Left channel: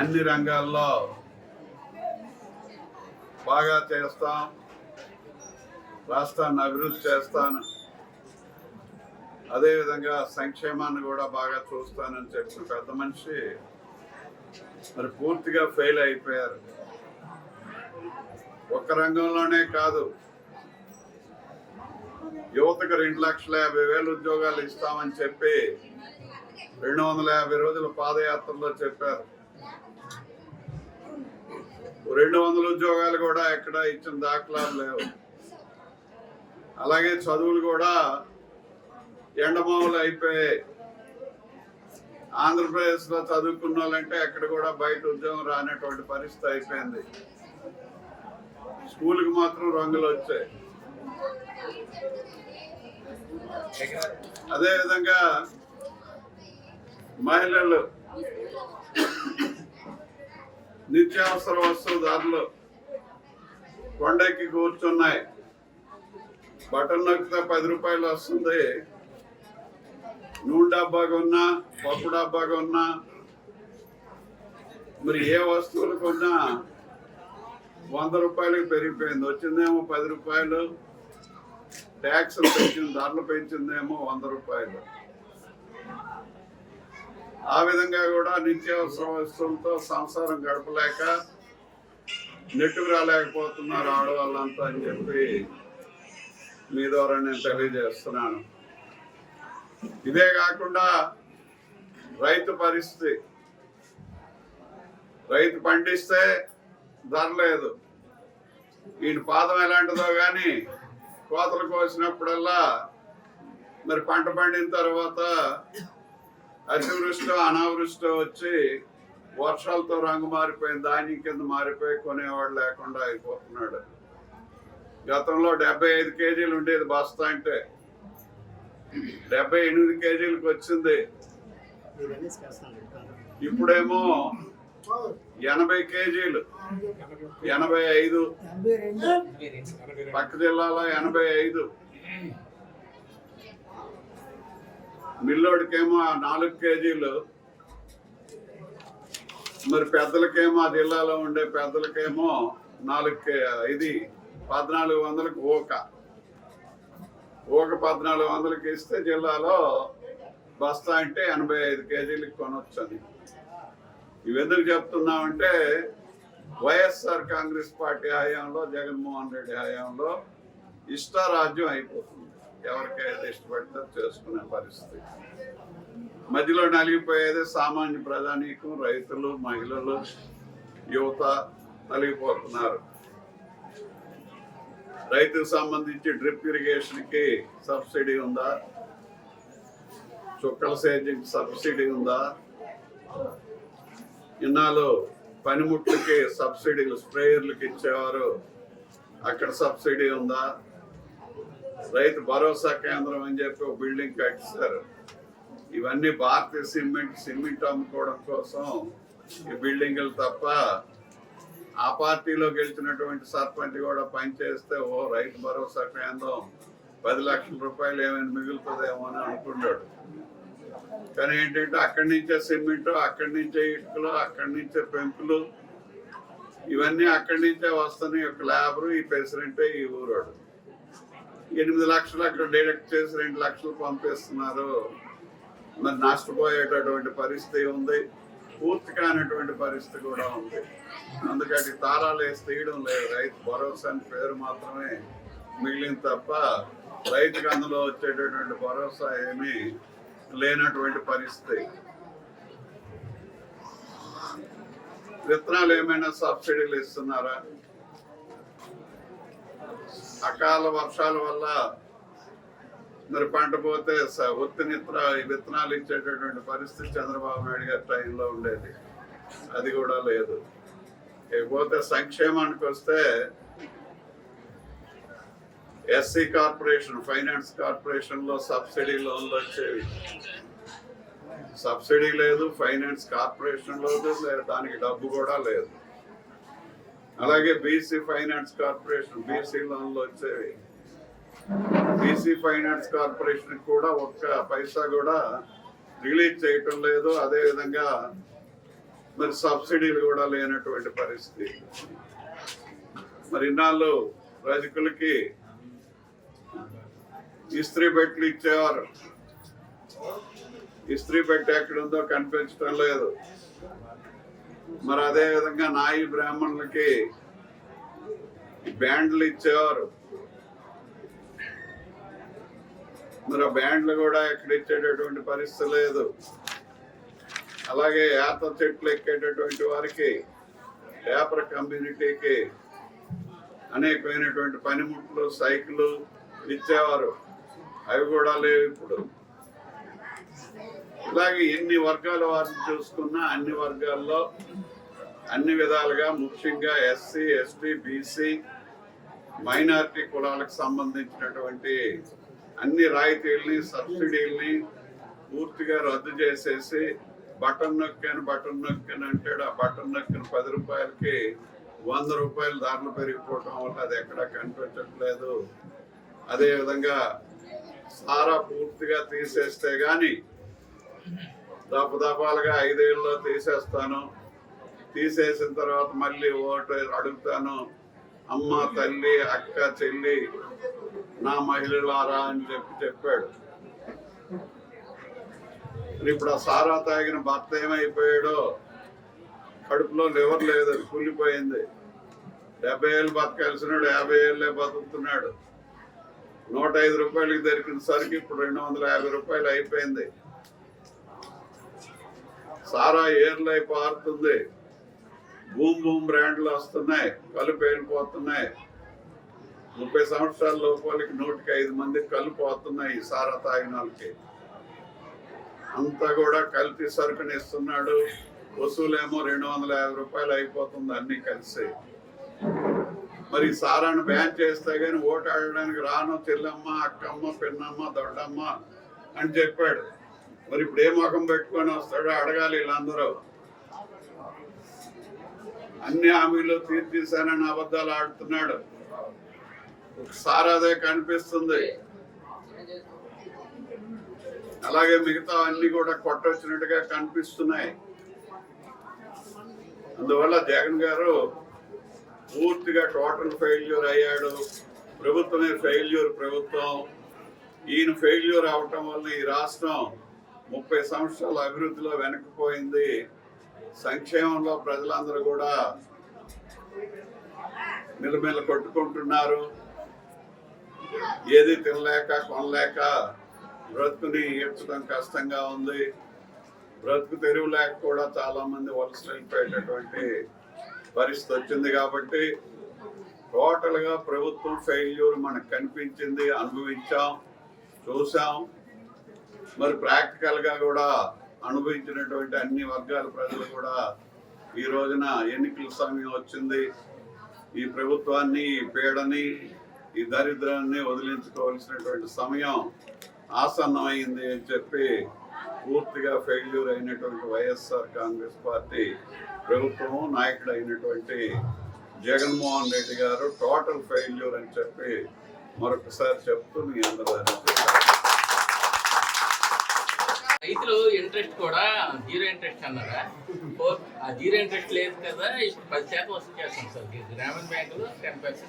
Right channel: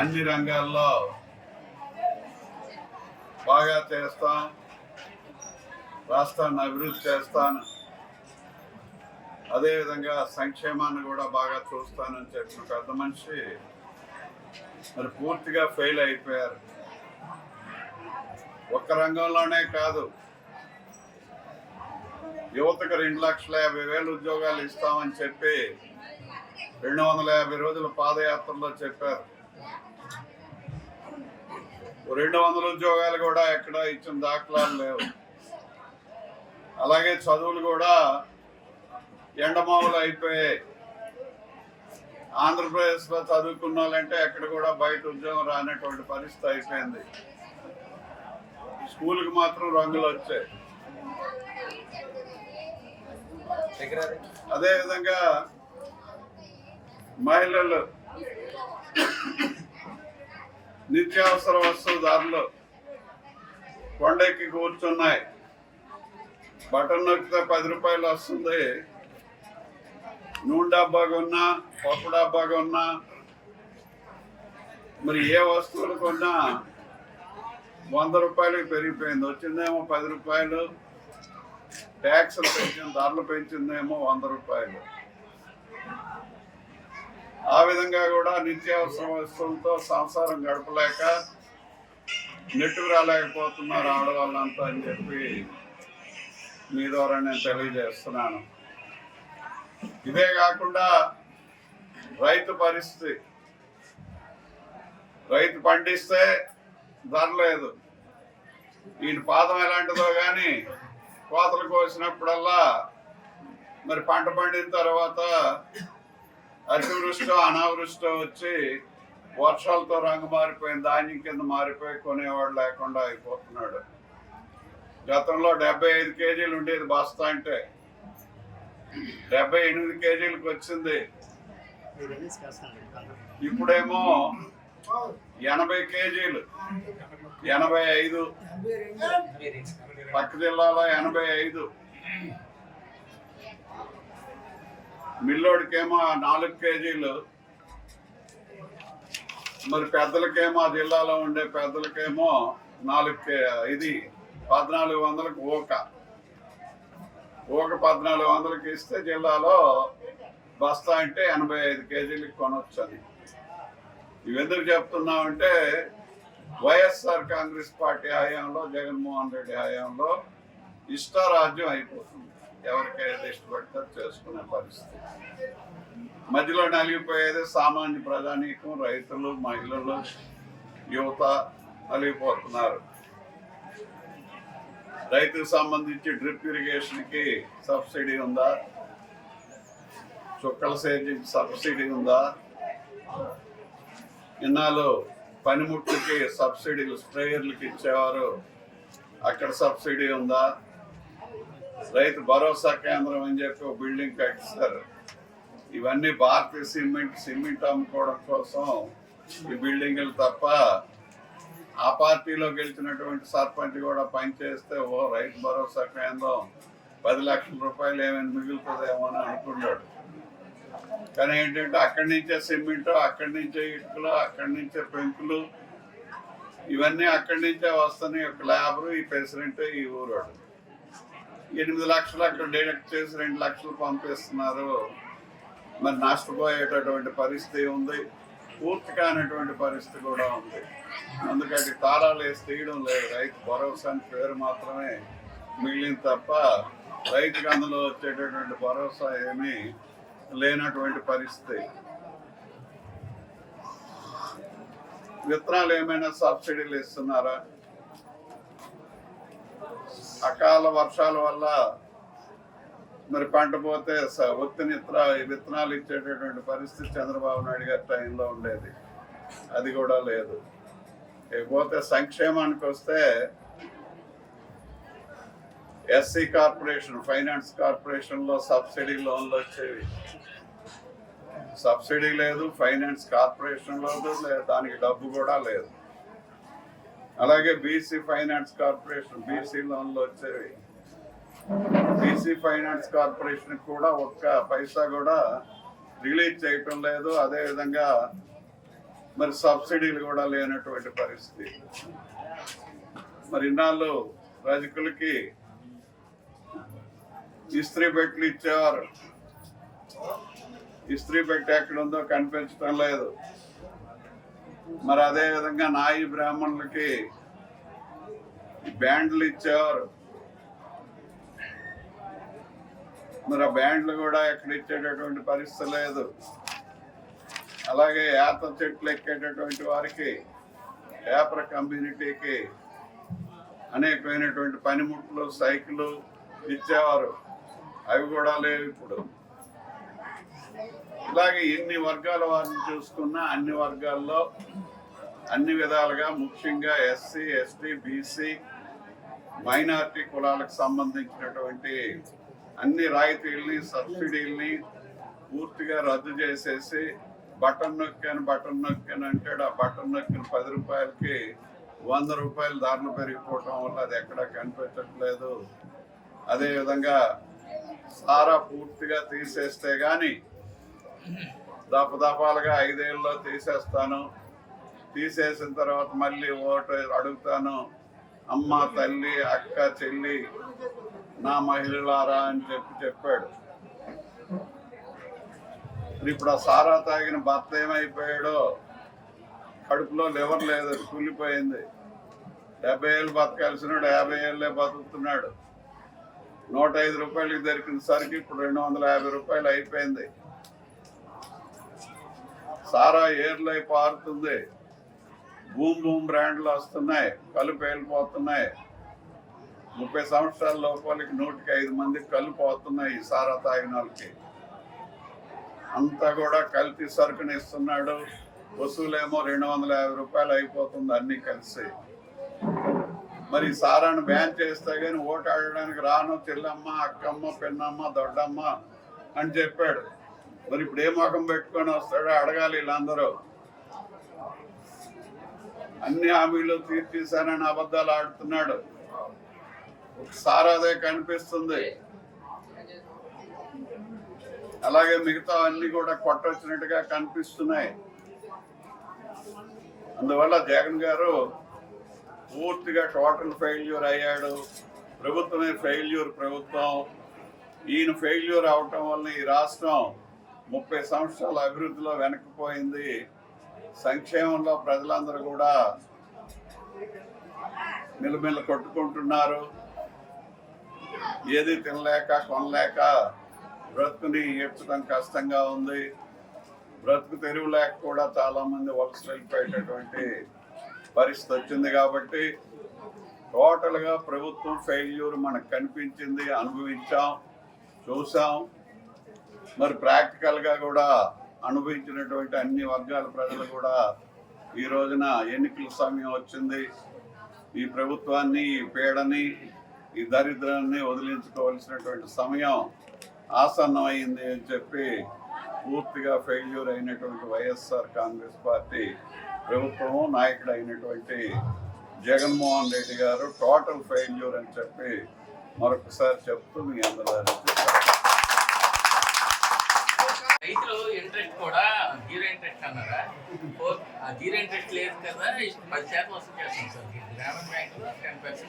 అన్ని రంగాల్లో బాగా చేస్తాం, రాష్ట్రాన్ని అభివృద్ధి చేస్తాను, అదేవిధంగా సంక్షేమాన్ని కూడా బాగా చూస్తానని చెప్పిన పెద్ద మనిషి మరి పూర్తిగా ఫెయిల్ అయిపోయారు. ఒక్క రంగంలోనే కాదు, యువతకు 2,50,000 ఉద్యోగాలు ఇస్తామని చెప్పి 250 రోజుల పాదయాత్రలో చెప్పారు. 200 ఉద్యోగాలు కూడా ఎక్కడ ఇచ్చిన దాఖలాలు లేవు. అలాగే చదువులు కూడా ఎండమావులు అయిపోయాయి. ఆంధ్రప్రదేశ్లో చదువుకున్న వాళ్ళంటే ఎక్కడ కూడా బయట ఉద్యోగం రానటువంటి పరిస్థితి అయిపోయింది. స్కూల్కి మాత్రం రంగులు వచ్చాయి. అదేవిధంగా మహిళలు నిత్యావసర వస్తువు ధరలు కొండెక్కి కూర్చున్నాయి. బటన్ నొక్కితే 10 రూపాయలు వస్తుంది. నూనె డబ్బా కొన్నా, పప్పు డబ్బా కొన్నా, మరి ఏ వస్తువులు కొన్నా 100 రూపాయలకు పెరిగిపోయింది. వచ్చిందేమో 10 రూపాయలు, ట్యాక్సులు పెంచింది, ధరలు పెంచిందేమో 100 రూపాయలు. ఆ విధంగా కూడా నిత్యావసర వస్తువులతో సంసారం గడపలేక నెట్టుకు రాలేకపోతున్నారు ఆడవాళ్ళంతా అని చెప్పి మీ ద్వారా నేను తెలియజేస్తున్నాను. ఇదే కాకుండా రైతు పరిస్థితి, రైతు పండిస్తే ధర లేదు. ఈయన పాదం ఎలాంటిదో కానీ కోతలు కోసినప్పుడల్లా మరి పంట పండిన తర్వాత అతివృష్టో అనావృష్టో వచ్చి వర్షాలతో రంగు మారిపోయిన ధాన్యం కింద మారిపోయి కొనేవాడు లేకుండా అయిపోతున్నాడు. గతంలో 75 కేజీలు ఉండేది బస్తా, అంటే 78 కేజీలకు వచ్చింది. ఇప్పుడేమో 80 కేజీలు, 85, పక్క జిల్లాలో 85. మిల్లోడికేమో 4 కేజీలు, మరి పెద్దలకేమో ఆ జిల్లాలో ఉండే పెద్దలకేమో 1400కు ఊక 1400కి ఇస్తే జిల్లాలో బస్తా అంటే 85 కేజీలకు కొనొచ్చని. ఇవెందుకు చెప్తున్నామంటే వైఎస్ఆర్ కాంగ్రెస్ పార్టీ హయాంలో, జగన్మోహన్ రెడ్డి హయాంలో ఇష్టారాజ్యం అయిపోతుంది. ఎవరికైతే ఇష్టపడితే చేసుకునే పరిస్థితి. మధ్యలో నలిగిపోయేది సామాన్య ప్రజానీకం, రైతులు, మహిళలు, యువత నలిగిపోతున్నారు. రైతుకు సంబంధించి డ్రిప్ ఇరిగేషన్కి సబ్సిడీ ఉందా? చుక్కల సేద్యంకి సబ్సిడీ ఉందా? ఇన్నాళ్ళు పనిముట్లకి సబ్సిడీలు, స్ప్రేయర్లకి ఇచ్చేవారు, అక్కడ సబ్సిడీ ఉందా? రైతు భరోసా కేంద్రం అని చెప్పి ఒక బిల్డింగ్ కట్టిస్తారు. ఇవన్నీ భారతీయ సిమెంట్ అమ్ముకోవడం కోసం ఈ బిల్డింగులు తప్ప ఆ పార్టీలో గెలిచినటువంటి సర్పంచ్ కూడా పనిచేస్తే రైతు భరోసా కేంద్రం 10 లక్షల రూపాయలు ఏమైనా మిగులుతుందేమో అని అనుకున్నాడు. కానీ ఏంటంటే అక్కడి నుంచే సిమెంటు, అక్కడి నుంచే ఇటుకలు, అక్కడి నుంచే పెంకులు, ఇవన్నీ అక్కడి నుంచే వస్తున్నాయి. ఒక లేబరు, ఈ ప్రెసిడెంటే ఈ ఊరోడు. 8 లక్షలు అక్కడ డైరెక్ట్ చేసి 2 లక్షలు పంపిస్తున్నారు. మరి నష్టపోయేటటువంటి పరిస్థితి ఉంది, పూర్తి కానటువంటి పరిస్థితి కూడా ఉంది. అందుకని తాళాలు వేసి తీయడం లేదు. రైతు భరోసా అని పేరు మాత్రమే మిగిలింది తప్ప రైతుకు అందులో వచ్చేటటువంటి భరోసా ఏమీ లేనటువంటి పరిస్థితి. విత్తనాలు ఏమైనా సబ్సిడీలు ఇస్తున్నారా? అకాల వర్షాల వల్ల మరి పంట పోతే విత్తనాలు ఇచ్చేటటువంటి పరిస్థితి చంద్రబాబు నాయుడు గారి టైంలో ఉండేది, అది కూడా లేదు. ఇకపోతే సంక్షేమానికి వస్తే ఎస్సీ కార్పొరేషన్, ఫైనాన్స్ కార్పొరేషన్లో సబ్సిడీ లోన్లు వచ్చేవి. సబ్సిడీ లేదు, ఫైనాన్స్ కార్పొరేషన్లో లేదు, దానికి డబ్బు కూడా లేదు. అలాగే బీసీ ఫైనాన్స్ కార్పొరేషన్, బీసీ లోన్లు వచ్చేవి. బీసీ ఫైనాన్స్ కార్పొరేషన్ కూడా ఒక్క పైసా కూడా రిలీజ్ చేయటం లేదు. అదేవిధంగా మరి సబ్సిడీలు కూడా లేనటువంటి పరిస్థితి. మరి ఇన్నాళ్ళు రజకులకి ఇస్త్రీ పెట్టెలు ఇచ్చేవారు. ఇస్త్రీ పెట్టె ఎక్కడుందో కనిపించడం లేదు. మరి అదే విధంగా నాయి బ్రాహ్మణులకి బ్యాండ్లు ఇచ్చేవారు. మరి ఆ బ్యాండ్లు కూడా ఎక్కడ ఇచ్చేటటువంటి పరిస్థితి లేదు. అలాగే యాత చెట్లు ఎక్కేటటువంటి వారికి, పేపర్ కమ్యూనిటీకి అనేకమైనటువంటి పనిముట్లు, సైకిళ్ళు ఇచ్చేవారు. అవి కూడా లేవు ఇప్పుడు. ఇలాగే ఎన్ని వర్గాల వారిని చూసుకున్నా అన్ని వర్గాల్లో అన్ని విధాలుగా, ముఖ్యంగా ఎస్సీ, ఎస్టీ, బీసీ, మైనారిటీ కులాలకు సంబంధించినటువంటి అన్ని రాయితీల్ని, సబ్సిడీల్ని పూర్తిగా రద్దు చేసేసి బటన్ నొక్కాను అంటాడు. ఆ బటన్ నొక్కిన 10 రూపాయలకి 100 రూపాయలు ధరలు పెరిగిపోవటం వల్ల అది ఎక్కడా కనిపించట్లేదు. అదేవిధంగా సారా పూర్తిగా తీసేస్తే కానీ దఫాలుగా 5 ఏళ్ళలో తీసేస్తాను, తీసేసిన తర్వాత మళ్ళీ ఓటు అడుగుతాను, అమ్మ, తల్లి, అక్క, చెల్లి, నా మహిళలారా అని చెప్పాడు. ఇప్పుడు ఆ సారా తాగిన భర్త ఏమైపోయాడో, కడుపులో లివర్ లేదు, కూలిపోయింది. 70 ఏళ్ళు బతకాల్సినాడు 50 ఏళ్ళే బతుకుతున్నాడు. 105 రూపాయలకి దొరికిన సరికి ఇప్పుడు 250 రూపాయలు అయిపోయింది. సారా ఏర్లై పారుతుంది. బూమ్ బ్రాండ్లు వస్తున్నాయి, కళ్ళు పేలిపోతున్నాయి. 30 సంవత్సరాల లోపలికి 105 మందికి కళ్ళు పోతున్నాయి ఈ సారా తాగిన వాళ్ళకి. అంతా కూడా కల్తీ సరుకుని ఇస్తున్నాడు. వసూలేమో 250 రూపాయలు అయిపోతుంది అన్ని కలిసి. మరి సారాను బ్యాన్ చేస్తే కానీ ఓటు ఆడడానికి రాను, చెల్లమ్మ, అక్కమ్మ, పిన్నమ్మ, దొడ్డమ్మ అని చెప్పాడు. మరి ఇప్పుడు ఏ ముఖం పెట్టుకొని వస్తాడో అడగాలి వీళ్ళందరూ. అన్ని హామీలు తీర్చేశానని అబద్ధాలు ఆడుతున్నాడు. ఒకసారి అదే కనిపిస్తుంది. అలాగే మిగతా అన్ని కూడా కొట్టొచ్చినట్టుగా కనిపిస్తున్నాయి. అందువల్ల జగన్ గారు పూర్తిగా టోటల్ ఫెయిల్యూర్ అయ్యాడు. ప్రభుత్వమే ఫెయిల్యూర్ ప్రభుత్వం. ఈయన ఫెయిల్యూర్ అవటం వల్ల ఈ రాష్ట్రం 30 సంవత్సరాల అభివృద్ధిలో వెనక్కిపోయింది. సంక్షేమంలో ప్రజలందరూ కూడా మిలమిల కొట్టుకుంటున్నారు. ఏది తినలేక, కొనలేక బ్రతుకుని ఈడ్చడం కష్టంగా ఉంది. బ్రతుకు తెరువు లేక కూడా చాలా మంది వలస వెళ్ళిపోయేటటువంటి పరిస్థితి వచ్చింది. కాబట్టి టోటల్గా ప్రభుత్వం ఫెయిల్యూర్ మనకు కనిపించింది, అనుభవించాం, చూసాం. మరి ప్రాక్టికల్గా కూడా అనుభవించినటువంటి అన్ని వర్గాల ప్రజలు కూడా ఈ రోజున ఎన్నికల సమయం వచ్చింది. ఈ ప్రభుత్వాన్ని, ఈ పీడని, ఈ దరిద్రాన్ని వదిలించుకోవాల్సినటువంటి సమయం ఆసన్నమైంది అని చెప్పి పూర్తిగా ఫెయిల్యూర్ అయినటువంటి వైఎస్ఆర్ కాంగ్రెస్ పార్టీ ప్రభుత్వము, నాయకుడు అయినటువంటి జగన్మోహన్ రెడ్డి గారు టోటల్ ఫెయిల్యూర్ అని చెప్పి మరొకసారి చెప్తూ మీ అందరూ రైతులు ఇంట్రెస్ట్ కూడా 0 ఇంట్రెస్ట్ అన్నారా? 0 ఇంట్రెస్ట్ లేదు కదా, 10% వసూలు చేస్తాం సార్. గ్రామీణ బ్యాంకులో 10%.